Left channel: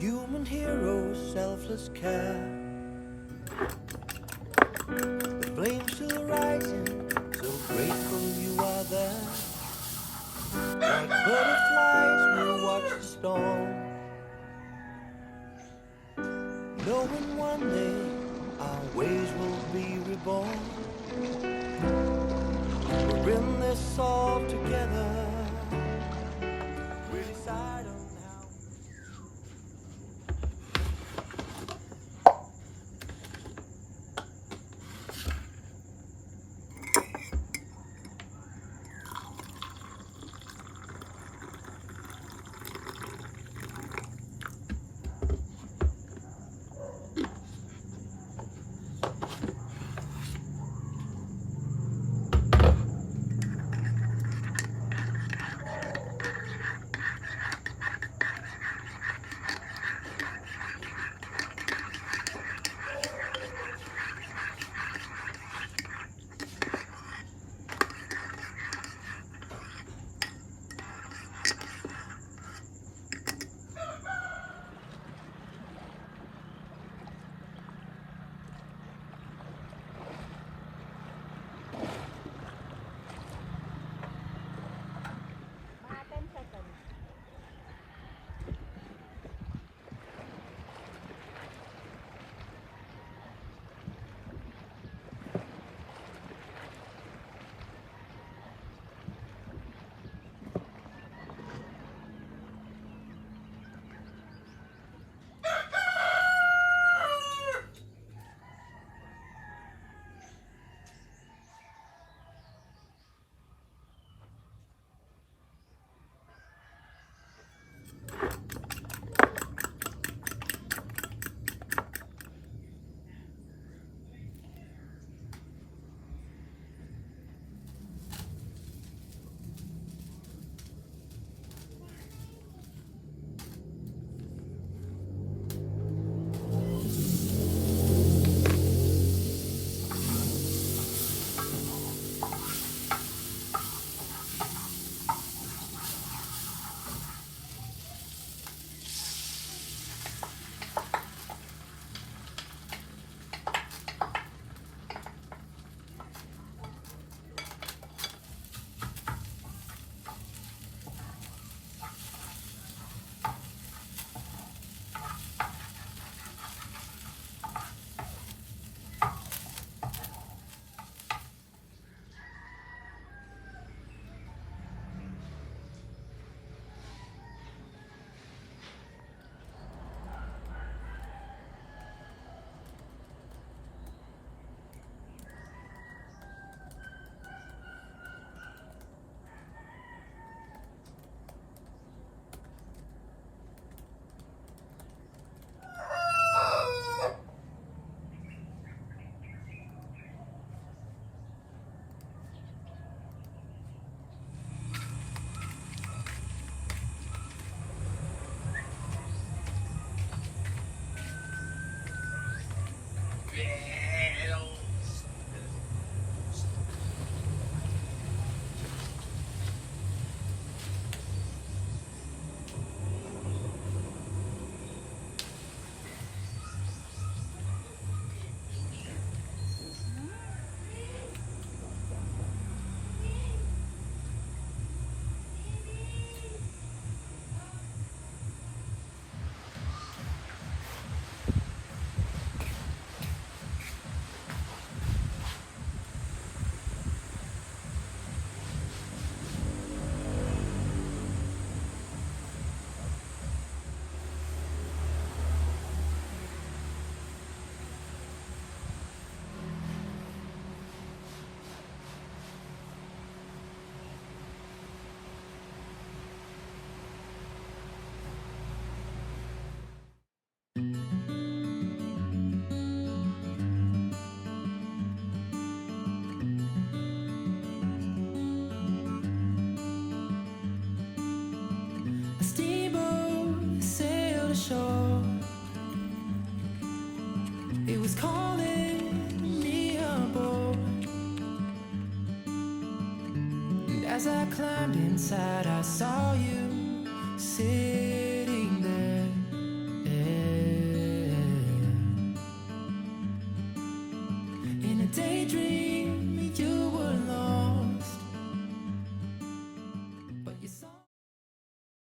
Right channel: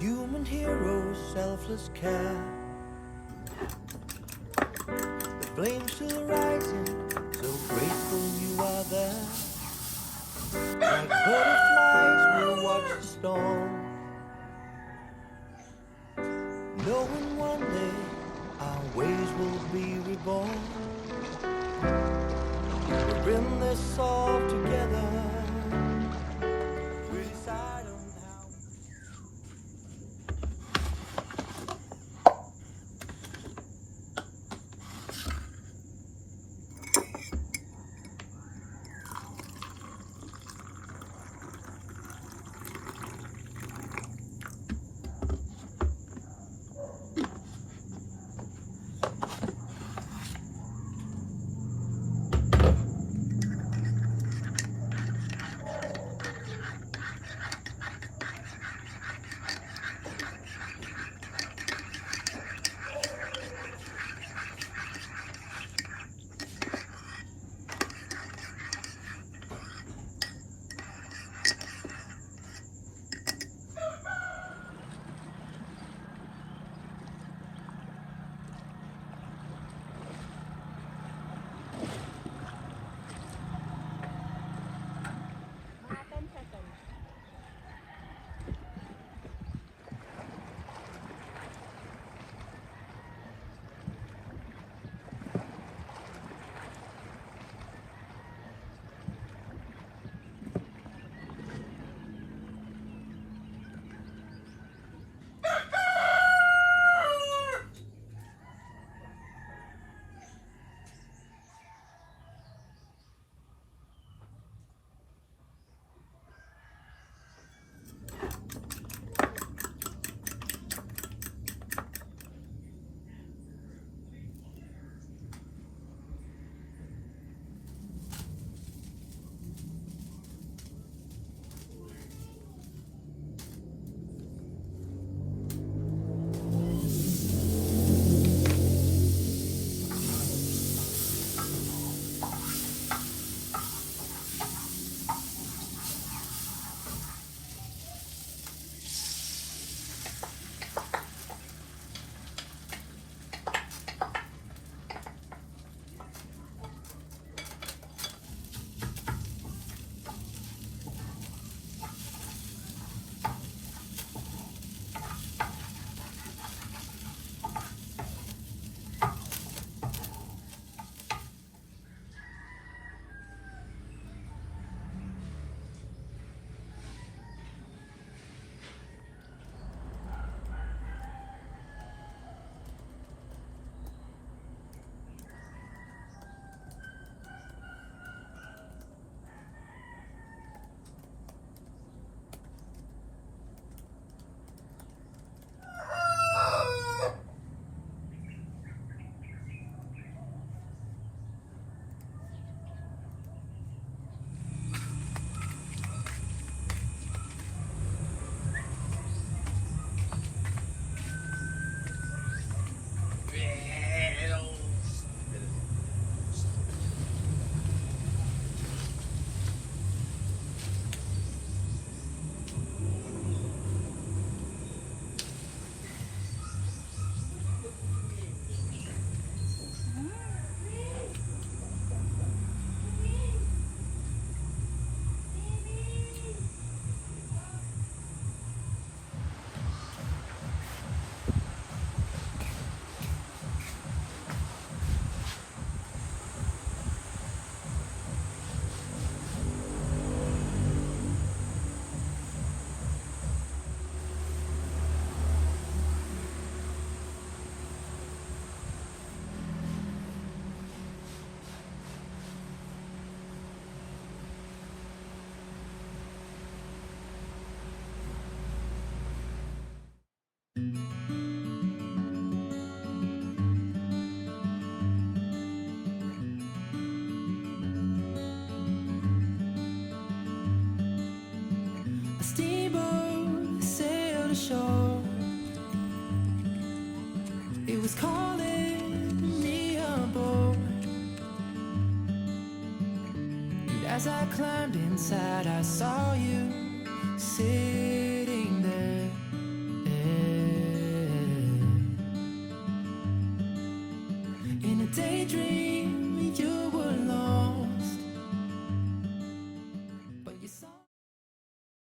Human heroes, selfless care. The flames still rising, so grateful you are there. Like butterflies, we'll watch the storm, knowing one day our ways will be reborn. We're in this all together. We decide on how. Mga 10 seconds. A steamboat sailed ashore. It was calling me aboard. And as I climbed inside, I saw you sitting there In a daydream, you were lost.